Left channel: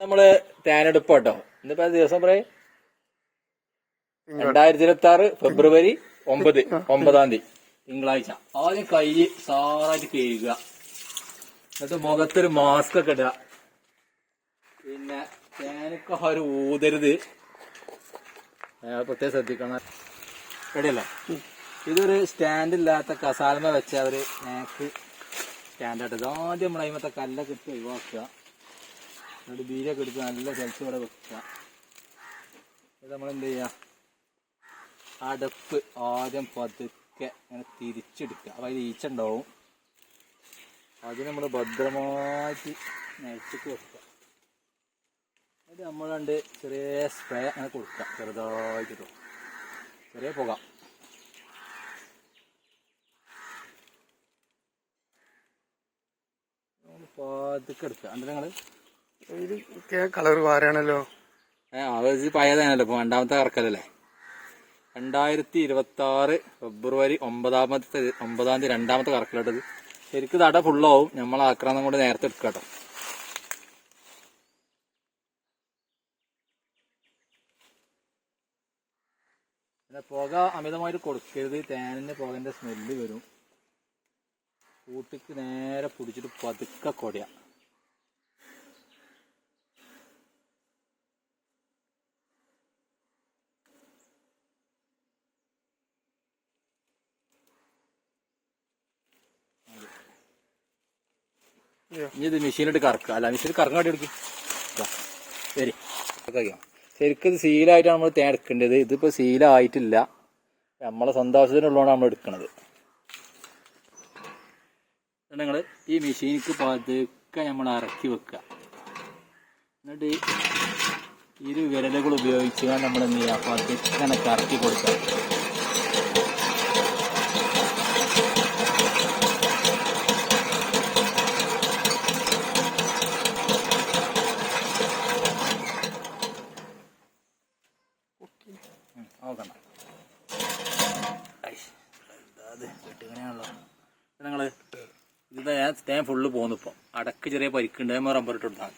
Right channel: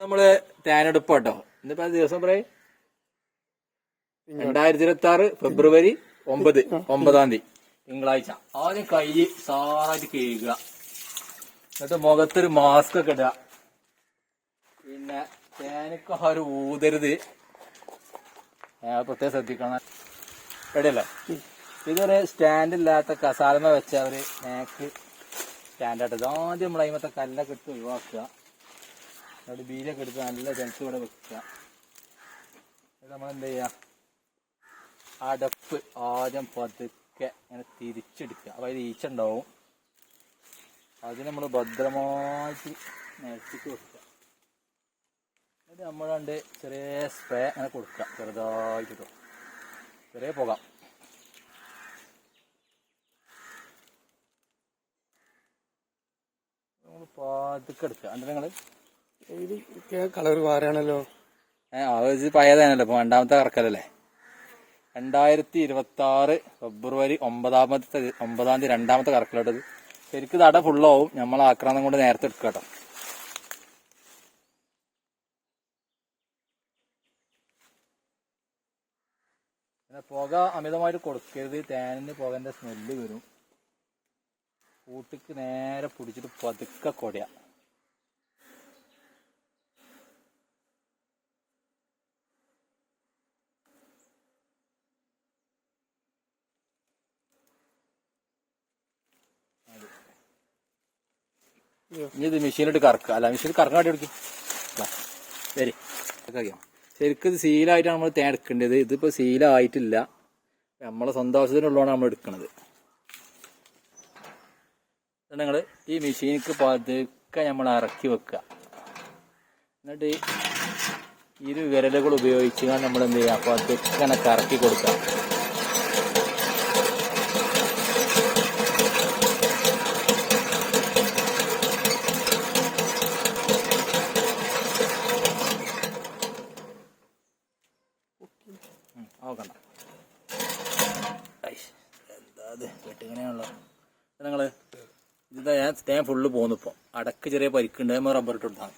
നമ്മൾ തേനെടുപ്പ് കേട്ടോ ഇന്നിപ്പോ ദിവസം പറയേ രണ്ടായിരത്തി ഇരുപത്തി ആറ് ഫെബ്രുവരി ഒമ്പത് ഒമ്പതാം തീയതി തിങ്കളാഴ്ച. ആദ്യം കൈ സാറായിട്ട് കഴുകുക. എന്നിട്ട് മുഖത്തൊരു മാസ്ക് ഒക്കെ ഇടുക. പിന്നെ തേനൊക്കെ ആരും ഊതരുത്. പ്രത്യേകം ശ്രദ്ധിക്കണം. ഇടല്ലേ ഇതൊരു സ്റ്റാൻഡ് ഇല്ലാത്ത കസാലമ വെച്ച അവർ നേക്ക് സ്റ്റാൻഡായിട്ട് ആദ്യം നമ്മൾ അതിമത്തെ കല്ലൊക്കെ ഇട്ട് ഒഴിവാക്കുക. എന്നിട്ട് ബീരൊക്കെ എടുത്ത് നല്ല ജലത്തോടെ വെക്കുക. ഇത് നമ്മൾ എന്ത് ചെയ്യുക? അടപ്പ് ആദ്യം പതുക്കെ അങ്ങനെ തിരിച്ചെടുക്കുക. അപ്പോൾ അതിൽ ഈച്ച ഉണ്ടാവും. അത് നമ്മൾ ഭദ്രമായിട്ട് നിരച്ചിട്ട് വെക്കുക. എന്നിട്ട് നമ്മൾ ചെറിയ സ്പ്രേ അങ്ങനെ കൊടുക്കുക. ചെറുതായിട്ട് ചെറിയ പുക. പാതിക്കെടുക്കുക എന്നിട്ട് നിങ്ങൾ ഇത് കളർ അത് പഴയതാണല്ലോ രണ്ടാമത്തെ കറക്കലല്ലേ? രണ്ടായിരത്തി ഇരുപത്തി ആറ് ഫെബ്രുവരി ഒമ്പതാമത്തെ ഒമ്പതാം തീയതി രണ്ടാമത്തെ കറക്കലോട്ടത് ശരിക്കും തട ഫുള്ളാവും നമ്മൾ ആക്രമണം കൊണ്ട് നേരത്തെ എടുക്കുക കേട്ടോ പിന്നെ പുക അമിതമായിട്ട് കൊടുക്കരുത്. തേനിന് പുകന്റെ സ്മെല്ല് വരും. കൂട്ടിക്ക് നേരെ പിടിച്ചിട്ട് പതുക്കെ കൊടയ. ഇനി ഇത് മെഷീനിട്ട് കറക്കുക അല്ല മെഷീൻ കറക്കാൻ വേണ്ടി എടുക്കും. ശരി. ശരിക്കും ഇത് സീലായിട്ടാണ് നമ്മൾ തേൻ എടുക്കേണ്ടത്. ഇതിപ്പോ സീലായിട്ടില്ല നമ്മളെ സ്വന്തം ആവശ്യത്തിനുള്ളതാണ് നമ്മൾ എടുക്കുന്നത് നിങ്ങൾ ഈ മെഷീനിക്ക് പതുക്കെ നമ്മൾ ഇറക്കി വെക്കുക. എന്നിട്ട് ഈ ഇരു വിരലുകൾ ഉപയോഗിച്ച് നമ്മൾ എന്ത് ചെയ്യുക? പതുക്കെ ഇങ്ങനെ കറക്കി കൊടുക്കുക. ഇത്? വെട്ടിങ്ങനെയാണല്ലോ ഞാൻ സ്റ്റേ ഫുള്ള് പോന്നിപ്പോ അടക്ക് ചെറിയ പരിക്കുണ്ട്. നമ്മൾ റബ്ബർ ഇട്ട് കൊടുത്താൽ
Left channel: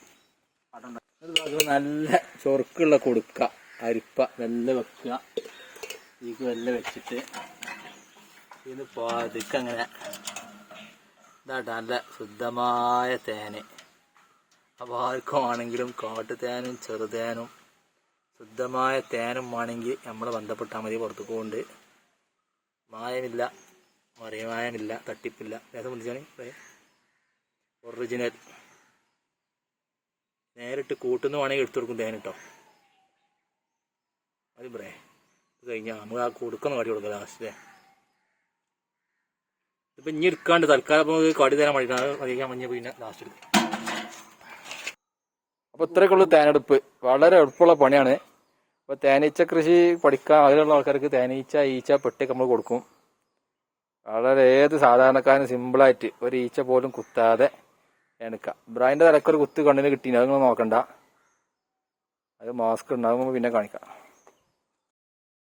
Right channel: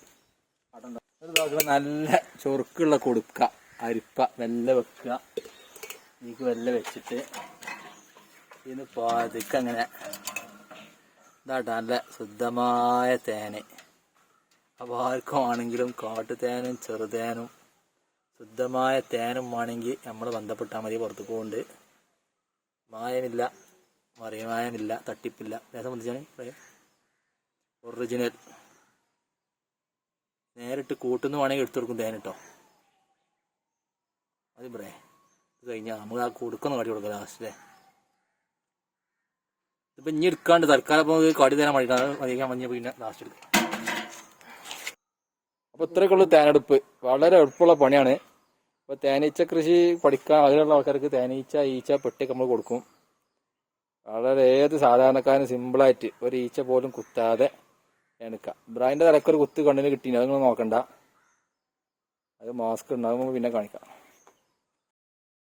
നല്ല ചൊറുക്കുള്ള കൊടുക്ക. അരിപ്പ വെല്ല വെക്കുക ഇതിക്ക് വെല്ല വെച്ചിട്ട് ഇതിന് പതുക്കെ അങ്ങനെ ഇതാട്ടോ നല്ല ശുദ്ധമായ തേന്. അപ്പോൾ ആർക്കും ആണെങ്കിലും കാട്ടുതേനും ചെറുതേനും ശുദ്ധമായ തേനും വേണമെങ്കിൽ നമ്മൾ ബന്ധപ്പെട്ടാൽ മതി പുറത്തു പോകുന്നുണ്ട് മായമില്ല. മറിയമായമില്ല തട്ടിപ്പില്ല. ഏതാ വിളിച്ചാണ് ഒറിജിനൽ നേരിട്ട് കൂട്ടുന്ന വേണമെങ്കിൽ എടുത്തു കൊടുക്കും തേൻ കേട്ടോ അത് പറയേ ഇത് കഴിഞ്ഞാൽ നമ്മൾ ആ കൊടുക്കുന്ന കടി കൊടുക്കാം ലാസ്റ്റ് ഇപ്പം ഇനി എടുക്കാണ്ട് തൽക്കാലം ഇപ്പോൾ കടി തരാൻ വേണ്ടിയിട്ടാണ് അറിയിക്കാൻ മഞ്ഞ പിന്നെ ലാസ്റ്റ് എടുക്കും. അപ്പോൾ ഇത്രയൊക്കെയുള്ള തേനെടുപ്പ്. വളരെ എളുപ്പമുള്ള പണിയാണ്. അപ്പോൾ തേനീച്ച കൃഷി പഠിക്കാൻ ആഗ്രഹമുള്ള ആൾക്കാർക്ക് തേനീച്ച ഈച്ച പെട്ടിയൊക്കെ നമ്മൾ കൊടുക്കും. വളരെ ഏത് സാധാരണക്കാരന് സിമ്പിളായിട്ട് ഒരു ഈച്ച പോലും കുത്താതെ എടുക്കാം ബ്രാൻഡ് തലക്കൊരു കുത്ത് കണ്ണിന് കിട്ടിയില്ല അത് നോക്കണ്ട. അത് മാസ്ക് ഉണ്ടാകുമ്പോൾ പിന്നെ കാണിക്കാം.